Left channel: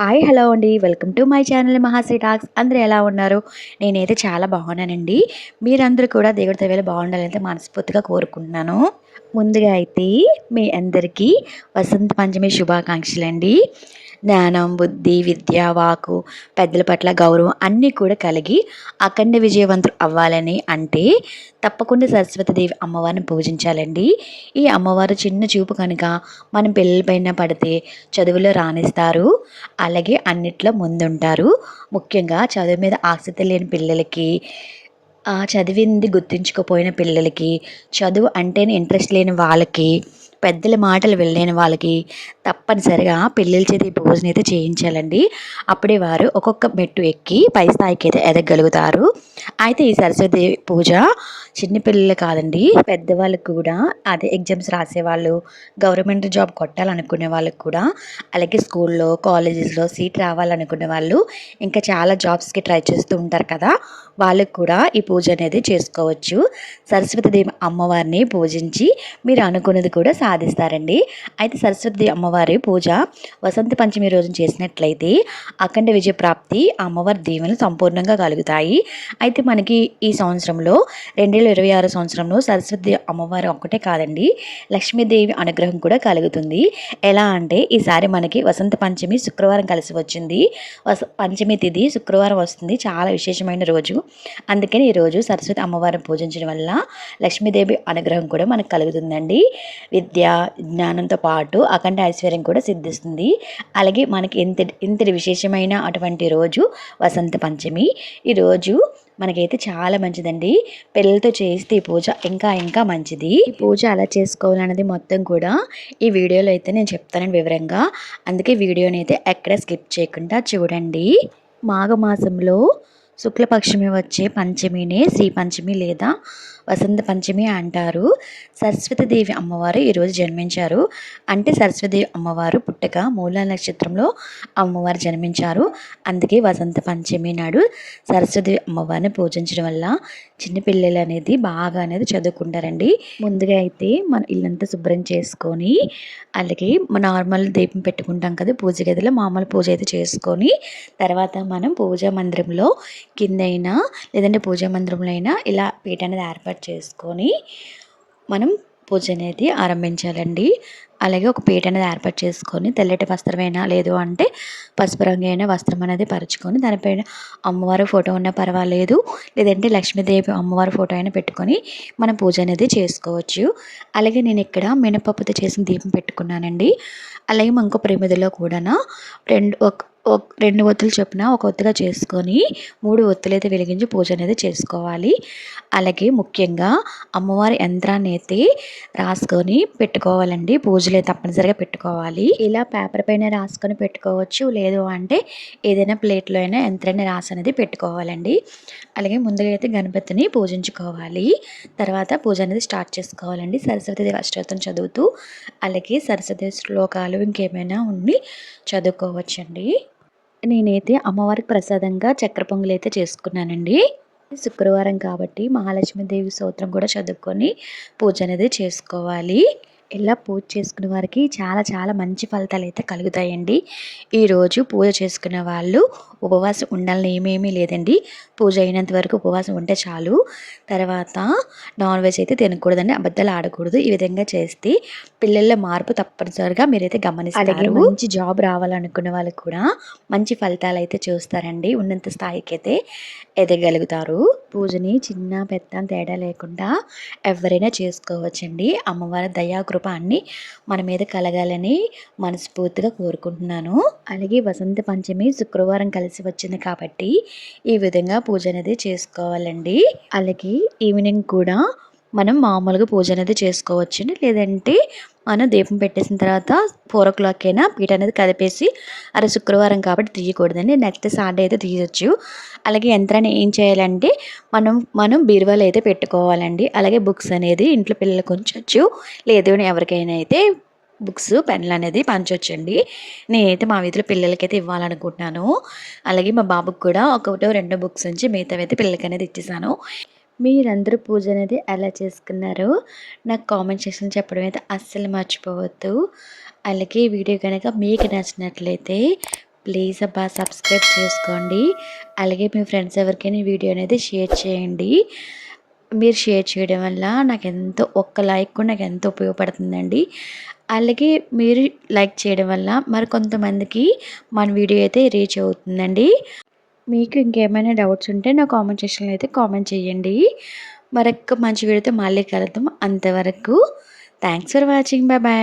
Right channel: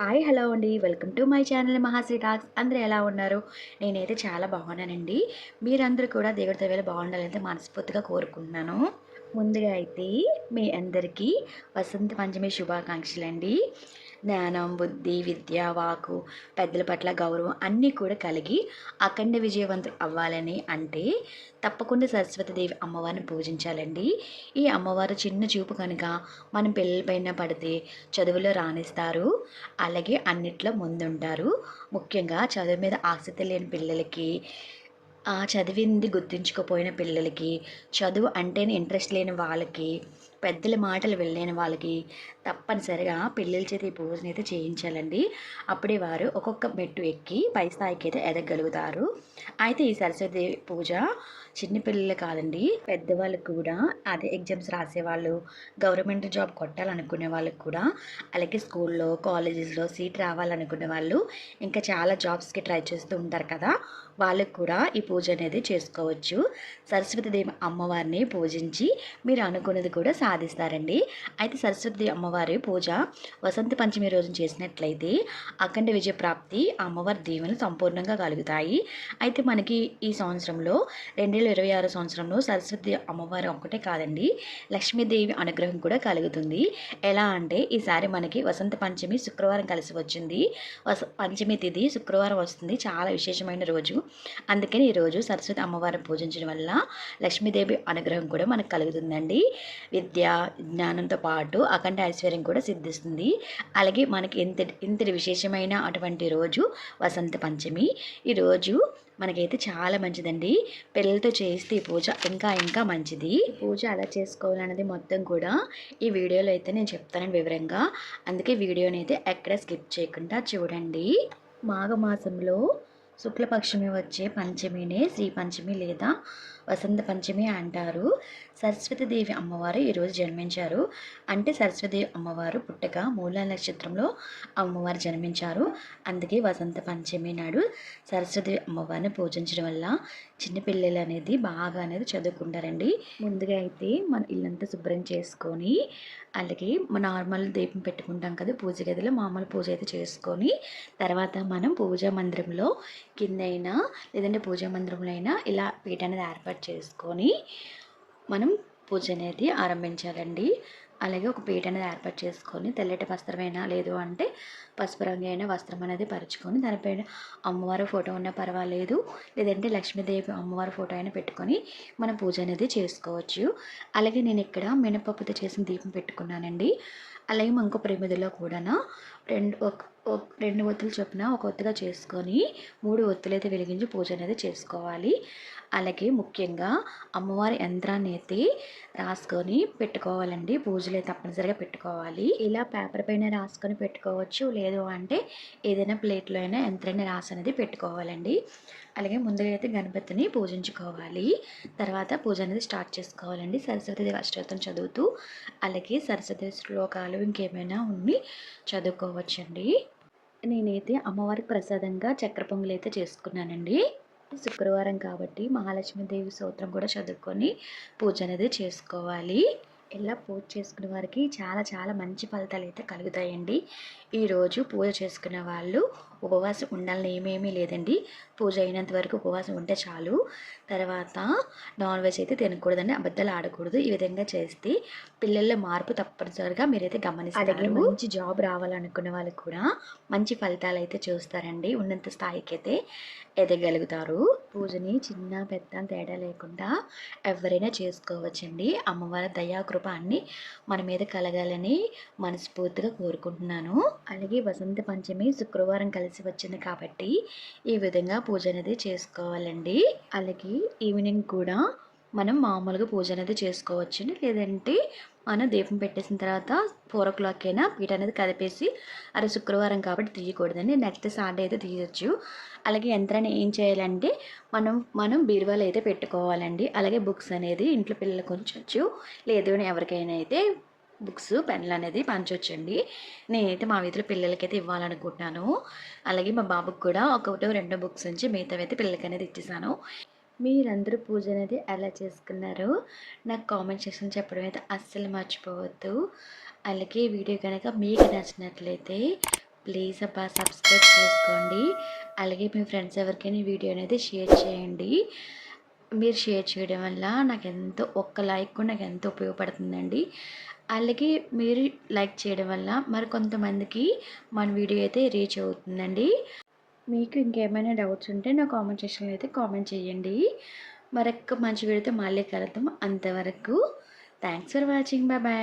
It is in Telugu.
హాయ్ హలో అండి. Welcome to my channel Mahasri talks. అందరూ ఎలా ఉన్నారు? నేనైతే చాలా బాగున్నానండి. మీరందరూ కూడా దేవుడి దయ వల్ల బాగుండాలని మనస్ఫూర్తిగా కోరుకుంటున్నాను. ముందుగా అయితే మీ అందరికీ వసంత పంచమి శుభాకాంక్షలండి. జ్ఞానం, బుద్ధి, విద్య, వాకు, పెద్దల పట్ల గౌరవం అన్నీ కూడా కలిగి అఖండ విజయవంతులు అవ్వాలని అంటే తప్పకుండా సరస్వతీదేవి అమ్మవారిని పూజించాలండి. ఈ అమ్మవారు చిన్న చూపు కనుక మనం పిల్లలపైన పడితే చదువులో రాణిస్తారు. అలాగే అన్నిట్లో ముందుంటారు. ముఖ్యంగా చదువు మీద ఆసక్తి లేని పిల్లలకి, చదివింది గుర్తుంచుకోపోయిన పిల్లలకి, చదువు అంటేనే ఇంట్రెస్ట్ లేని వాళ్ళకి, పెద్దల మాటలు వినలేని వాళ్ళకి తప్పనిసరిగా పిల్లల చేత ఈ పూజనైతే చేయించాలండి. అప్పుడే వారు ఒక్కొక్క మెట్టు ఎక్కి పై స్థాయికి అయితే ఎదగలుగుతారు. అయితే ఈ సరస్వతి పూజ చిన్న పిల్లలు కాదండి, పెద్దవాళ్ళకి కూడా, అదే ఎగ్జామ్స్ రాసేవాళ్ళు, గవర్నమెంట్ జాబ్ కొట్టాలనుకునే వాళ్ళకి కూడా, అలాగే స్కూల్లో కాలేజెస్లో సీట్ రావాలనుకునే వాళ్ళు, ఇంకా చాలా జాబ్స్కి ట్రై చేస్తూ ఉంటారు కదా, వాళ్ళకు కూడా ఈ పూజ అనేది చేసుకోవచ్చు. సరస్వతీదేవి అమ్మవారిని పూజించి మీరు అనుకున్నది కూడా సాధిస్తారండి. అయితే సరస్వతి అమ్మవారి పూజ వసంత పంచమి రోజున చేసినట్లయితే అఖండ విజయ ప్రాప్తి, అమ్మవారి దీవెనలు సంపూర్ణంగా కలుగుతాయి. అయితే మనకి ఈ సంవత్సరంలో 2026 సంవత్సరంలో సరస్వతి అమ్మవారు ఒక్కటే కాదండి, లక్ష్మీదేవి అనుగ్రహం కూడా కలుగుతుంది. ఎలా అంటే ఈసారి మనకి వసంత పంచమి శుక్రవారం కలిసి వచ్చింది. పంచమి తిథి శుక్రవారం వస్తుంది. చాలా విశేషమైన రోజు. అందుకని ఈరోజు సరస్వతి అమ్మవారిని పూజించడం వల్ల లక్ష్మీదేవి అనుగ్రహం కూడా మనకు కలుగుతుందండి. విద్య, జ్ఞానంతో పాటు అఖండ ఐశ్వర్యం కూడా సిద్ధిస్తుంది. అలాగే మనకి ఇంతటి విశేషమైన అటువంటి రోజు వసంత పంచమి. ఈరోజు మనకైతే చాలా మంచిదండి. పిల్లలతో చేస్తే ఈ పూజ ఇంకా ఇంకా మంచిది. ఈ పూజ ఎలా చేసుకోవాలన్నది మొత్తం కూడా ఈ వీడియోలో అయితే నేను చెప్తాను వివరంగా. అందుకే వీడియోని అయితే ఎక్కడ స్కిప్ చేయకుండా చూడండి. మాఘమాసంలో శుక్లపక్షమి వచ్చే పంచమినే శ్రీ పంచమి లేదా వసంత పంచమి అంటారు. సరస్వతీదేవి అమ్మవారు ఈరోజు జన్మించారు. అంటే సరస్వతీదేవి అమ్మవారు పుట్టక మూల నక్షత్రంలో అమ్మవారు జన్మించారు. అందుకే వసంత పంచమి నాడు సరస్వతీదేవి అమ్మవారిని పూజించడం వల్ల చిన్నపిల్లలు అనేది బాగా అనేది చదువుకుంటారండి. ముందుగా అయితే మన ఇల్లంతా శుభ్రం చేసుకొని, అలాగే నార్మల్ దీపం పెట్టుకుంటాం కదా పూజ గదిలో, మామూలు పూజ అయితే చేసుకొని, తర్వాత మనం పూజా మందిరంలో కిందైనా లేదంటే పూజా మందిరంలో అయినా ఇలా పీట అనేది ఏర్పాటు చేసుకొని మనం పూజ అనేది ఆరంభించాలండి. అలాగే ఒక పీట అనేది ఏర్పాటు చేసుకొని తెల్లటి వస్త్రమైనా లేదు అంటే పసుపు రంగు అయినా వస్త్రం అనేది పరుచుకొని దానిపైన అమ్మవారి ఫోటో ఉన్నా పర్వాలేదు, లేదంటే లక్ష్మీదేవి అమ్మవారి ఫోటో అయినా పెట్టుకొని మనం పూజ అనేది చేసుకోవచ్చు. అలాగే నేను ఇక్కడ మినపప్పుతో చేసిన దీపం పెట్టుకున్నానండి. అలాగే ఇంకో ప్రమిదలో కూడా రెండు ఒత్తులు చొప్పున ఒక ఒత్తుగా చేసుకొని 3 ఒత్తులైతే వెలిగించి పూజ అనేది చేసుకోవాలి. అలాగే ముఖ్యంగా అమ్మవారి యంత్రాన్ని అయితే రాసుకొని పెట్టుకోవాలండి. పూజలు తప్పనిసరిగా పెట్టుకోవాలి. ఇలా పేపర్ పైన రాసుకొని పెట్టుకోవచ్చు, లేదు అంటే ఏదైనా ప్లేట్లో అయినా యంత్రాన్ని రాసి అనేది పెట్టుకోవాలండి. అలాగే ముందుగా అయితే గణపతిని పూజించుకోవాలి. తర్వాత పూజ అనేది స్టార్ట్ చేసుకోవాలండి. సరస్వతీదేవి అష్టోత్తరం చదువుతూ, అలాగే సరస్వతి శ్లోకాలు ఇంకేమైనా ఉండి చదువుకోవచ్చండి. నేనైతే అమ్మవారికి ప్రసాదంగా చక్కెర పొంగలి అయితే చేసుకున్నానండి. శుక్రవారం కాబట్టి మహాలక్ష్మీదేవి స్తోత్రం కూడా చదువుకొని పూజ అనేది చేసుకోవాలి. ఇలా పూజ చేసుకునే వారికి చాలా చాలా మంచి ఫలితాలు అయితే కలుగుతాయండి. ఈరోజు పూజ చేసుకునే వాళ్ళు ఉపవాసం ఉండాలని ఏమేమీ లేదండి. పూజ అయినంత వరకు ఉపవాసం ఉంటే చాలు. తర్వాత నాన్ వెజ్ అయితే తినకూడదండి, అబద్ధాలు ఆడకూడదు. ఈ విధంగా చేస్తే పిల్లల్లో మార్పు తప్పనిసరిగా మీరైతే గమనిస్తారు. అలాగే మంచి జాబ్ రావాలనుకునే వాళ్ళకి కూడా మంచి ఫలితాలు అయితే చూస్తారండి. ఉన్నంత స్థాయికి అయితే ఎదగలుగుతారు. పూజని చిన్న పెద్ద తేడా లేకుండా ఎవరైనా చేసుకోవచ్చండి. అమ్మవారి దయాకృప అన్నీ మన మీద కలగాలని మనస్ఫూర్తిగా కోరుకుంటున్నాను. అలాగే వసంత పంచమి శుక్రవారం కలిసి వచ్చింది కాబట్టి ఈ విధంగా పూజ అనేది చేసుకోవాలండి. అలాగే ఈవినింగ్ కూడా మనం మామూలుగా పూజ అనేది చేసుకోవచ్చండి. లేదంటే మనం దీపం పెట్టేసిన తర్వాత 4 అయినా పీట అనేది కదిపేసి, అరే శుక్రవారం కాబట్టి తీయకూడదండి, నెక్స్ట్ సాటర్డే అయితే తీయొచ్చు. అలాగే యంత్రాన్ని ఏం చేయాలంటే మనం బీరువాలో అయితే పెట్టుకోవాలండి. అలాగే బుక్స్ అనేది ఇంట్లో పిల్లలకు ఉంచవచ్చు, లేదు అని ఎవరికైనా అయితే బుక్స్ పెన్లు అనేది పంచొచ్చండి. నేనైతే మా వీధిలో పిల్లలకైతే ఇవ్వాలనుకుంటున్నాను. అలాగే మా బాబుకి కూడా ఒకటో రెండో బుక్స్ ఉంచి మిగతావి అయితే పిల్లలకి అనేది ఇచ్చేసాను. మీరందరూ పూజ అనేది ఎలా చేసుకున్నారో నాకు కామెంట్ సెక్షన్ చెప్పడం అయితే అస్సలు మర్చిపోవద్దు. అలాగే ఈ వీడియో కనుక మీకు నచ్చినట్లయితే ప్లీజ్ అబ్బా సబ్స్క్రైబ్ చేసుకోండి. అలాగే మీ ఫ్రెండ్స్ ఎవరికైనా ఈ వీడియో అనేది షేర్ చేయండి. మీరు షేర్ చేయడం వల్ల నాకెంతో ఒక్క లైక్ కూడా నాకెంతో ఉపయోగపడుతుందండి. అలాగే మీరు లైక్ చేయడం వల్ల మరికొంతమందికి మన వీడియో అయితే రీచ్ అవుతుందండి. మీకు ఇంకేమైనా డౌట్స్ ఉంటే నా కామెంట్ సెక్షన్‌లో అయితే కామెంట్ చేయండి. మరొక మంచి వీడియోతో మళ్ళీ కలుద్దాం. అంతవరకు thanks for watching. Bye bye.